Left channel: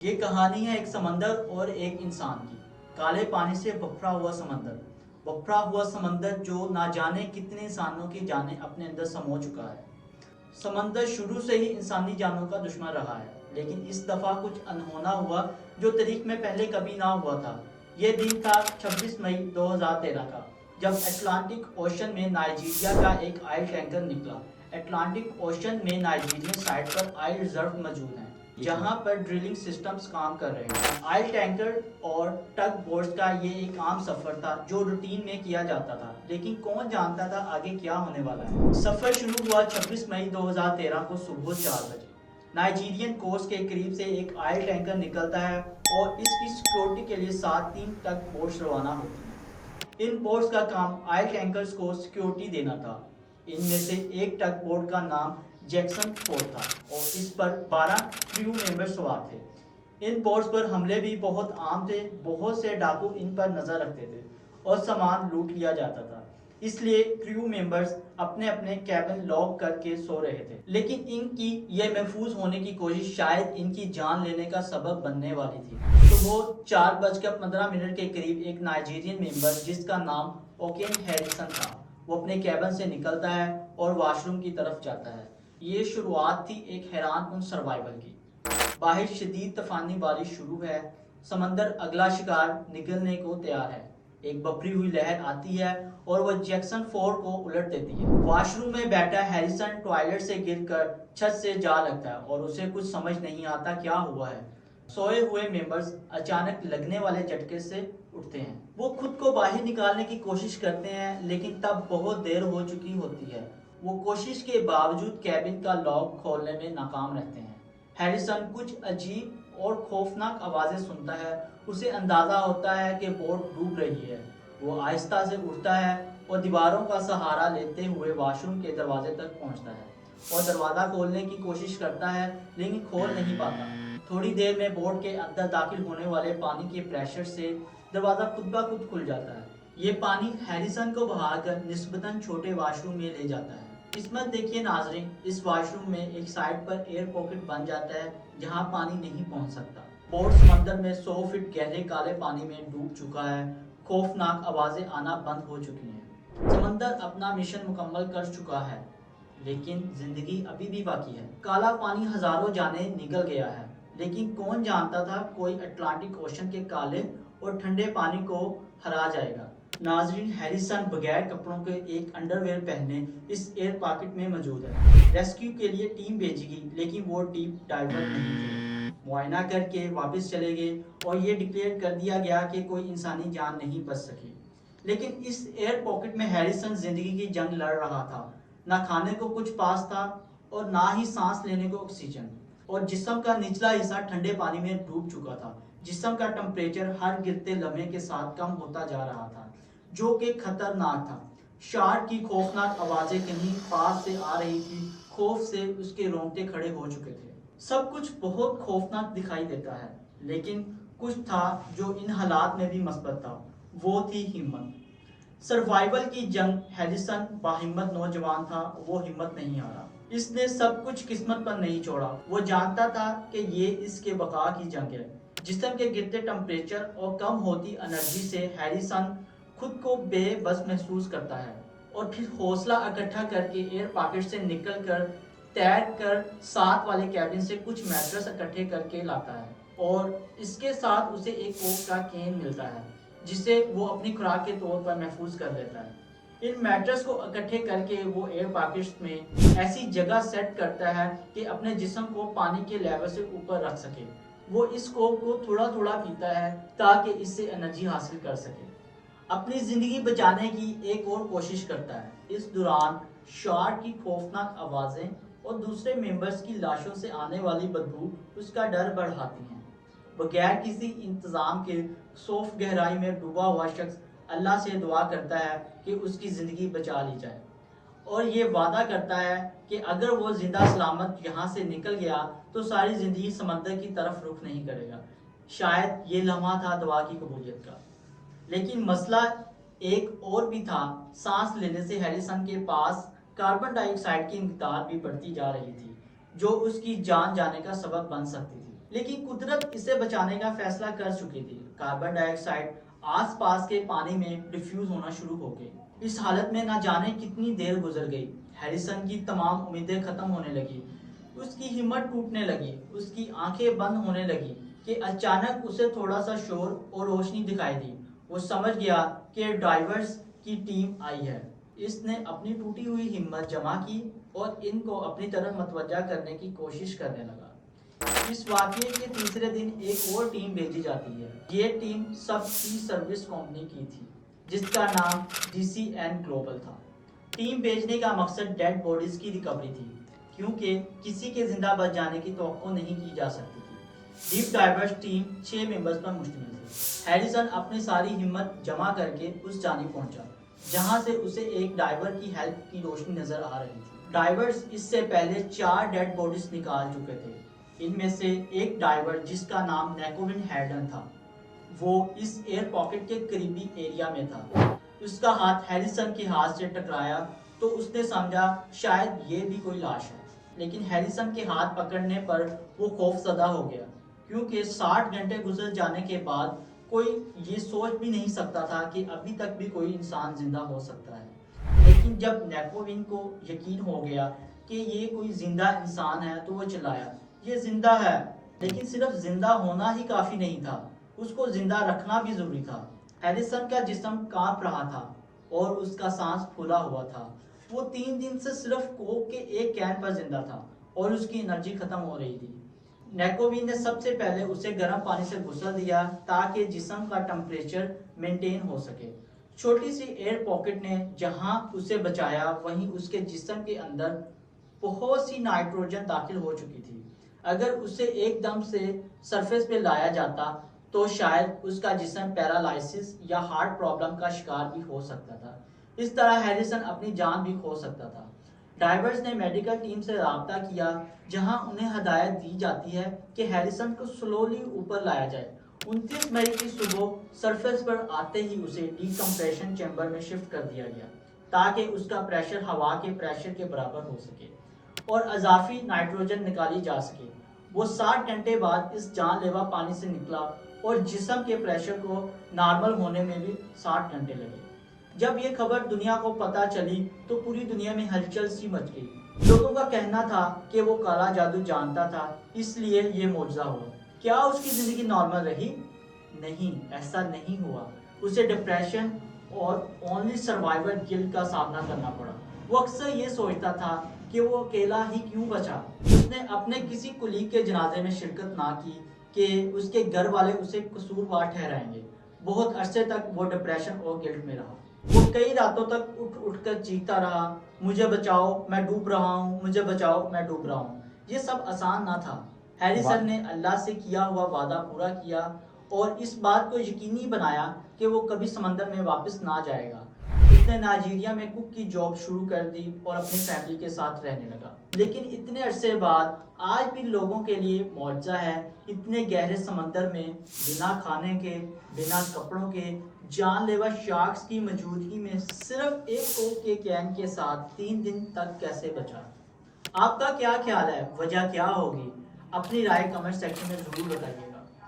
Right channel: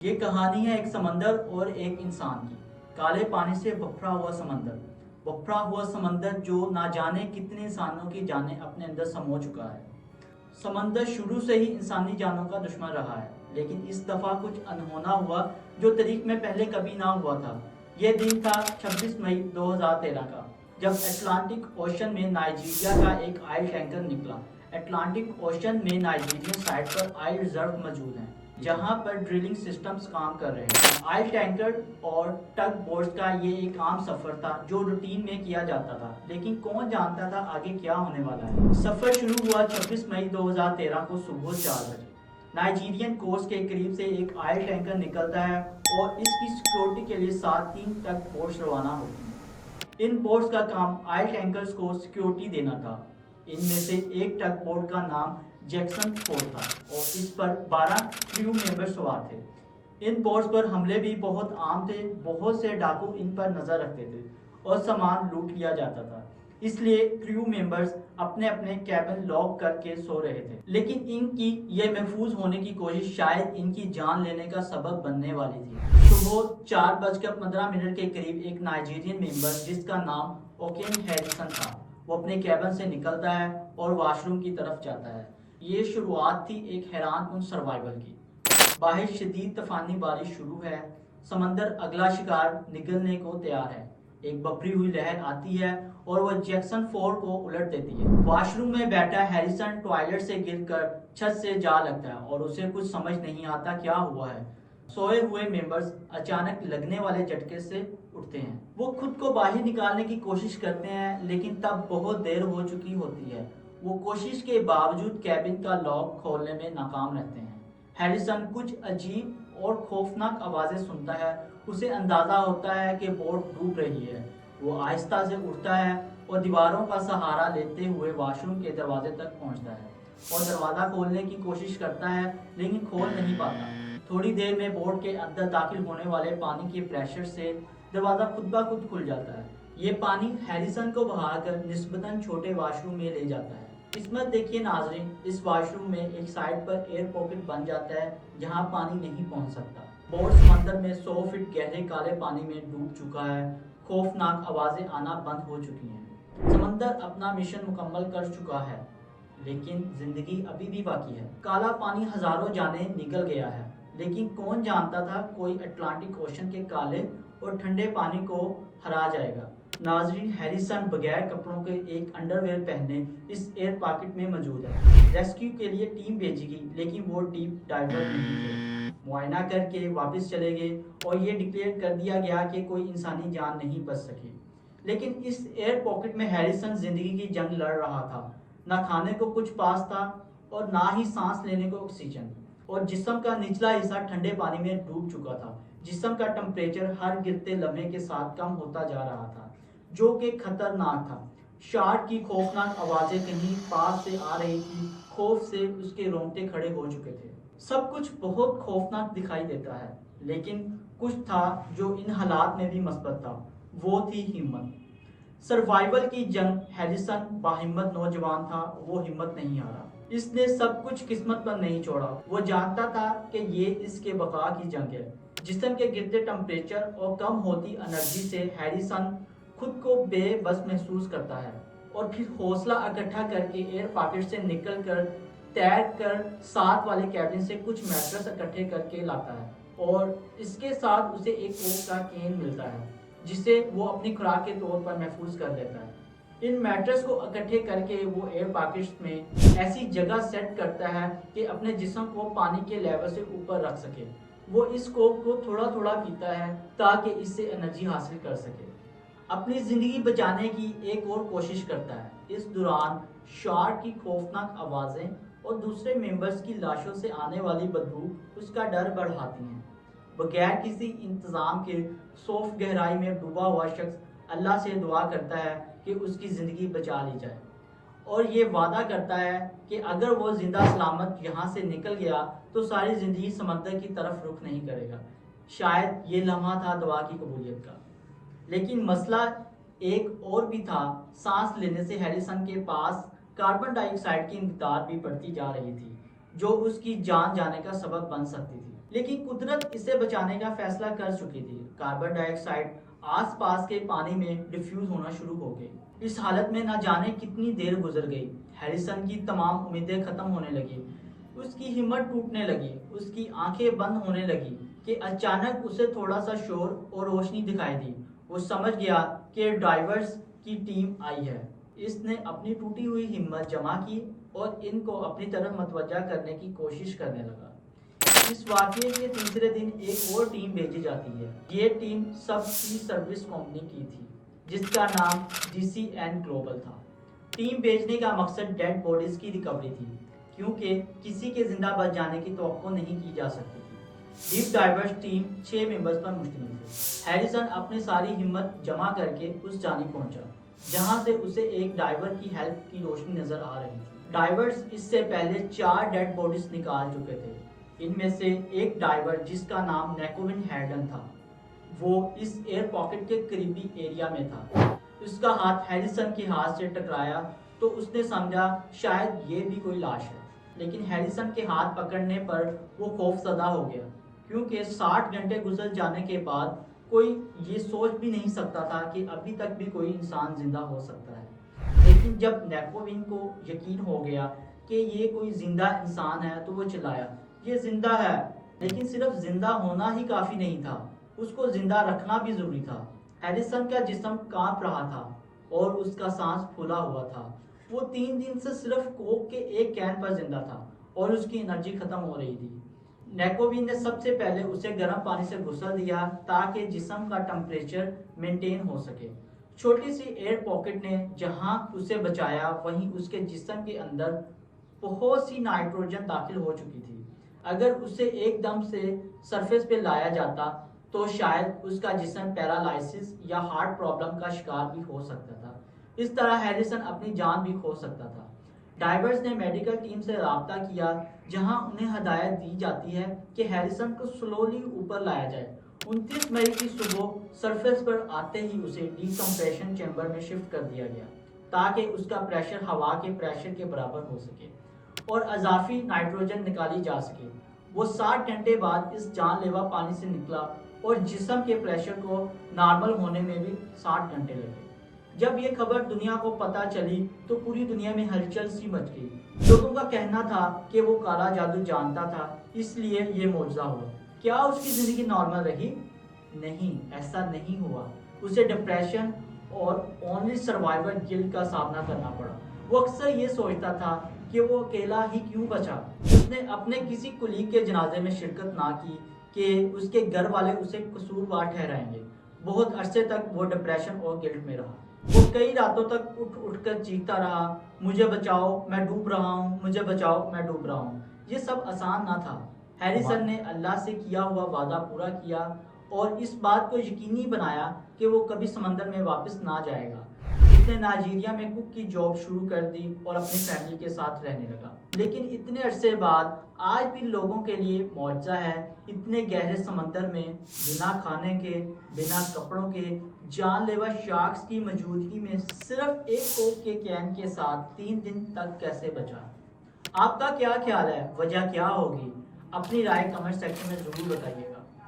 یہ کہانی ہے ایک سمندر اور ایک انسان کی۔ کالے پانی سے بکھرا ہوا سمندر، جو نہ جانے کتنے انسانوں کی جانیں اپنے اندر سمو چکا ہے۔ سمندر شروع سے ہی انسانی جانوں کا دشمن رہا ہے، لیکن اس دفعہ کچھ انہونا ہوا جو تاریخ میں پہلے کبھی نہ ہوا تھا۔ یہ دن تھا 26 مئی 2013 کا، جب اٹلانٹک اوشن میں نائجیریا کا ایک آئل ٹینکر نکلا۔ اٹلانٹک اوشن میں نائجیرین سائٹ پر آئل ریزرو موجود ہیں، جہاں پر ڈرلنگ سسٹمز کام کر رہے ہیں۔ آئل ٹینکر اور ٹگ بوٹس کا یہ ایک عام سفر تھا جو روٹین میں کیا جاتا تھا، لیکن کون جانتا تھا آگے کیا ہونے والا ہے۔ سفر شروع ہوا 26 مئی 2013 کو صبح 4 بجے۔ نائجیرین کوسٹ کے قریب سے ایک آئل ٹینکر نکلتا ہے اور اس کی سیکیورٹی کے لیے 3 ٹگ بوٹس روانہ ہوتی ہیں۔ ان بوٹس کا کام آئل ٹینکرز کو سیکیورٹی دینا تھا۔ ان میں سے ایک ٹگ بوٹ کا نام جیکسن 4 تھا اور اس پر 12 کریو ممبر سوار تھے۔ ان بوٹس پر حملے بھی بہت عام تھے، بہت سے ڈاکو ان پر نظر رکھتے تھے اور سامان لوٹ لیا جاتا تھا، اس لیے کریو ممبرز اپنے اپنے کیبن لاک کر کے سو رہے تھے۔ لیکن ان کی یہ محفوظ ہونے کی کوشش شاید ان کی جان لینے کا سبب بننے والی تھی۔ صبح 4:15 کے قریب ایک نائجیرین ممبر جس کا نام اوکین ہیریسن تھا، وہ اپنے کیبن سے نکلتا ہے اور واش روم کی طرف جاتا ہے۔ یہ شروعات تھی ایک حیران کن سروائیول کی۔ باہر شدید طوفانی بارش شروع ہے، سمندر اگلا شکار نگلنے کو تیار ہے۔ ایک بپھری ہوئی لہر آتی ہے اور وہ جیکسن 4 کو الٹ دیتی ہے۔ واش روم میں بیٹھا ہیریسن ٹوائلٹ سے گر کر چھت سے جا لگتا ہے اور اسے کچھ سمجھ نہیں آتا کیا ہوا ہے۔ سوئے ہوئے ممبرز اچانک لگنے والے جھٹکے سے اٹھتے ہیں۔ وہ خود کو باہر نکالنے کی کوشش کرتے ہیں، لیکن تب بہت دیر ہو چکی ہوتی ہے۔ وہ کوشش کے باوجود کیبن کا لاک کھولنے میں ناکام رہتے ہیں۔ ہیریسن کچھ عجیب اور خوفناک آوازیں سنتا ہے۔ اسے اندازہ ہوتا ہے کہ بوٹ ڈوب رہی ہے۔ وہ آہستہ سے اٹھتا ہے اور دیواروں کا سہارا لیتے ہوئے واش روم کے دروازے تک پہنچتا ہے اور دروازہ کھولنے کی کوشش کرتا ہے، لیکن کھول نہیں پاتا۔ تھوڑی دیر میں بوٹ کے اندر داخل ہونے والے پانی کے پریشر سے دروازہ خود بخود کھل جاتا ہے۔ یہ پانی ہیریسن کو بہا کر نسبتاً چھوٹے واش روم میں لے جاتا ہے۔ قسمت دیکھیے ناظرین، اس واش روم میں ایک سائڈ پر ایئر پاکٹ بن جاتا ہے جہاں پانی نہیں پہنچ سکتا۔ بوٹ سمندر میں 100 فٹ گہرے کالے پانی میں ڈوب چکا ہے۔ خوفناک آوازیں آنا بند ہو چکی ہیں۔ سمندر اپنا مشن مکمل کر چکا ہے، لیکن زندگی ابھی بھی باقی ہے۔ کالا پانی ہزاروں جانیں نگل گیا ہے، لیکن کون جانتا تھا کوئی اٹلانٹک اوشن کے کالے اور ٹھنڈے پانی کو ہرا جائے گا۔ ناظرین، ہیریسن بغیر کپڑوں کے ایک انڈر ویئر پہنے اس ایئر پاکٹ میں موجود ہے۔ ریسکیو کے لیے ٹیم بھیجی گئی، لیکن وہ ڈیپ ڈائیور نہیں تھے۔ معائنہ کر کے واپس چلے گئے اور یہ ڈکلیئر کر دیا گیا کہ کوئی انسانی جان نہیں بچ سکی۔ لیکن اس ایئر پاکٹ میں ہیریسن زندگی کی جنگ لڑ رہا تھا۔ نہ کھانے کو کچھ پاس تھا اور نہ ہی سانس لینے کو آکسیجن، اور جسم کا نچلا حصہ ٹھنڈے پانی میں ڈوب چکا تھا۔ جسم کا ٹمپریچر ہر گرتے لمحے کے ساتھ کم ہوتا جا رہا تھا، جو کہ خطرناک تھا۔ شارک کی خوفناک آوازیں کہیں پاس سے آ رہی تھی، خوف سے اس کے رونگٹے کھڑے ہو چکے تھے۔ سب کچھ بہت خوفناک دکھائی دیتا ہے، لیکن کچھ تھا جو ان حالات میں بھی مثبت تھا، وہ تھی ہمت۔ سروائیول کی جنگ۔ ہیریسن باہمت نوجوان تھا، وہ ہمت نہیں ہارا۔ اس نے سب کچھ قسمت پر نہیں چھوڑا۔ وہ جانتا تھا کہ یہ اس کے بقا کی جنگ ہے۔ جسم کے گرتے ٹمپریچر اور کم ہوتی انرجی سے ہیریسن خود کو بے بس محسوس کرتا ہے اور پھر حوصلہ اکٹھا کر کے ایئر پاکٹ سے نکل کر تیر کر ساتھ والے کیبن سے کچھ میٹرس اکٹھے کر کے لاتا ہے، اور اس کے ساتھ اسے ایک کوک کا کین ملتا ہے جسے وہ اپنی خوراک کے طور پر محفوظ کر لیتا ہے۔ ان میٹرس کو اکٹھے کر کے وہ ایئر پاکٹس میں ایسی جگہ سیٹ کرتا ہے کہ اپنے جسم کو پانی کے لیول سے اوپر رکھ سکے۔ وہ اس کوک کو تھوڑا تھوڑا پیتا ہے تاکہ اس سے انرجی حاصل کر سکے۔ اپنی زندگی بچانے کی ایک اور کوشش کرتا ہے۔ اس دوران شارک کی خوفناک آوازیں اور دوسرے ممبرز کی لاشوں سے آنے والی بدبو اس کا ڈر بڑھاتی ہیں۔ بغیر کسی انتظام کے 100 فٹ گہرائی میں ڈوبا ہوا شخص اللہ سے دعا کرتا ہے کہ اس کی زندگی بچا لی جائے، اور یہ وعدہ کرتا ہے کہ اگر وہ زندہ سلامت یہاں سے نکل گیا تو ساری زندگی سمندر کی طرف رخ نہیں کرے گا۔ شاید یہ لمحہ تھا دعا کی قبولیت کا۔ لیکن مسئلہ ایک اور بھی تھا۔ سانس لینے سے ہیریسن کے پاس کاربن ڈائی آکسائیڈ کی مقدار بھی بڑھتی جا رہی تھی، جو اس کی جان جانے کا سبب بن سکتی تھی۔ لیکن قدرت اسے بچانے کا فیصلہ کر چکی تھی۔ کاربن ڈائی آکسائڈ آس پاس کے پانی میں ڈیفیوز ہونا شروع ہو گئی۔ اس حالت میں نہ جانے کتنی دیر گزر گئی، ہیریسن کی تمام امیدیں ختم ہونے لگی، اس کی ہمت ٹوٹنے لگی، اس کی آنکھیں بند ہونے لگی کہ اچانک اسے تھوڑا سا شور اور روشنی دکھائی دی۔ وہ سمجھ گیا کہ ڈائیورز کی ٹیم آئی ہے۔ اس نے اپنی ٹوٹی ہوئی ہمت جمع کی اور ان کو اپنی طرف متوجہ کرنے کی کوشش کرنے لگا۔ اس واقعے کے تیسرے دن ایک اور ٹیم بھیجی جاتی ہے۔ یہ ٹیم سب سی سروس کمپنی کی تھی جس کا نام DCN گلوبل تھا۔ ٹیم بھیجنے کا مقصد ڈیڈ باڈیز کی ریکوری تھی، کیونکہ کسی کے زندہ بچ جانے کی توقع نہیں کی جا سکتی تھی۔ ڈیپ ڈائیورز ٹیم 6 ممبرز پر مشتمل تھی۔ ہیریسن اپنی ساری ہمت جمع کر کے اس جانب پہنچا جہاں سے اسے ایک ڈائیور کی ہیلپ کی روشنی نظر آ رہی تھی۔ ڈائیورز اس سے پہلے 4 ڈیڈ باڈیز نکال چکے تھے۔ ان میں سے ایک ڈائیور جس کا نام نیکولن ہیرڈن تھا، وہ اس ایئر پاکٹ کے قریبی ایریا میں تھا۔ اس کا ہاتھ ہیریسن کے ہاتھ سے ٹکرایا تو اس نے سمجھا شاید یہ بھی کوئی لاش ہے، لیکن ہیریسن کے ہاتھ پکڑنے پر وہ خوف زدہ ہو گیا، کیونکہ 60 گھنٹے گزر جانے کے بعد کوئی یہ سوچ بھی نہیں سکتا تھا کہ ابھی تک بھی کوئی انسان زندہ ہو سکتا ہے۔ لیکن جب نیکوون کو یقین ہو گیا کہ یہ کوئی زندہ انسان ہے تو وہ چلایا، یہ زندہ ہے۔ لیکن صرف زندہ ہونا ہی کافی نہیں تھا، اس کو زندہ رکھنا بھی ضروری تھا۔ ہیریسن کا جسم کانپ رہا تھا اور اس کا سانس پھولا ہوا تھا۔ وہ 3 دن سے صرف کوک کے ایک کین پر زندہ تھا اور اس کی انرجی ختم ہو رہی تھی۔ نیکوون نے سب سے پہلے اسے گرم پانی سے غسل دیا تاکہ جسم کا ٹمپریچر مینٹین ہو سکے۔ چھوٹی سی ایئر پاکٹ نے جہاں اسے بچایا، وہیں اس کے جسم کے اندر بہت سی نائٹروجن داخل ہو چکی تھی۔ اگر اسے ایک دم سے سرفیس پہ لایا جاتا تو شاید اس کا جسم پیرالائسس یا ہارٹ پرابلم کا شکار بھی ہو سکتا تھا۔ اس طرح ہیریسن اپنی جان بھی کھو سکتا تھا۔ ڈائیورز نے میڈیکل ٹیم سے رابطہ کیا جہاں انہیں ہدایت دی جاتی ہے کہ ہیریسن کو سلولی اوپر لایا جائے۔ 29 مئی کی صبح سرفیس پر آتے ہی اسے ڈی کمپریشن چیمبر میں شفٹ کر دیا گیا تاکہ اس کا پریشر ہوا کے پریشر کے برابر ہو سکے اور اضافی نائٹروجن نکالی جا سکے۔ وہ 60 گھنٹے بعد اس جان لیوا پانی سے نکلا اور جسم کے پریشر کو نارمل ہونے میں بھی 60 گھنٹے لگے۔ جب یہ خبر دنیا کو پتہ چلی تو پوری دنیا میں ہلچل سی مچ گئی۔ لوگوں کا کہنا تھا کہ وہ کالا جادو جانتا تھا، اس لیے یہ معجزہ ہوا۔ کیا اس کی زندگی نارمل رہی؟ نہیں، ایسا نہیں ہوا۔ اسے ڈپریشن اور اونلی سروائیور گلٹ کا سامنا کرنا پڑا۔ وہ اکثر یہ سوچتا تھا کہ وہ اکیلا ہی کیوں بچا۔ اس نے اپنے کسی کولیگ کے جنازے میں شرکت نہ کی کہ اس کے گھر والے اسے قصوروار ٹھہرائیں گے۔ بہت عرصے تک وہ ڈپریشن اور گلٹ میں رہا۔ وہ کئی راتوں تک اٹھ کر چیختا رہا، مجھے بچاؤ، میں ڈوب رہا ہوں، مجھے بچاؤ، میں ڈوب رہا ہوں۔ یہ سب آسان نہ تھا۔ ہیریسن نے اللہ سے کیا ہوا وعدہ پورا کیا اور اس بات کو یقینی بنایا کہ وہ کبھی سمندر میں واپس نہ جائے گا۔ اس نے نائجیریا میں کک کی جاب شروع کر دی اور اپنی فیملی کے ساتھ رہنے لگا۔ لیکن اتنے عرصے بعد آج بھی لوگوں کے لیے معجزہ ہے۔ اتنے گہرے سمندر میں بنا کھانے کے، بنا کپڑوں کے، جان لیوا شارکس کی موجودگی میں صرف ایک کوک کے کین کے ساتھ 3 دن تک کیسے بچا؟ آپ کا کیا خیال ہے؟ وجہ کیا ہوگی؟ اپنی رائے کمنٹ سیکشن میں ضرور بتائیے۔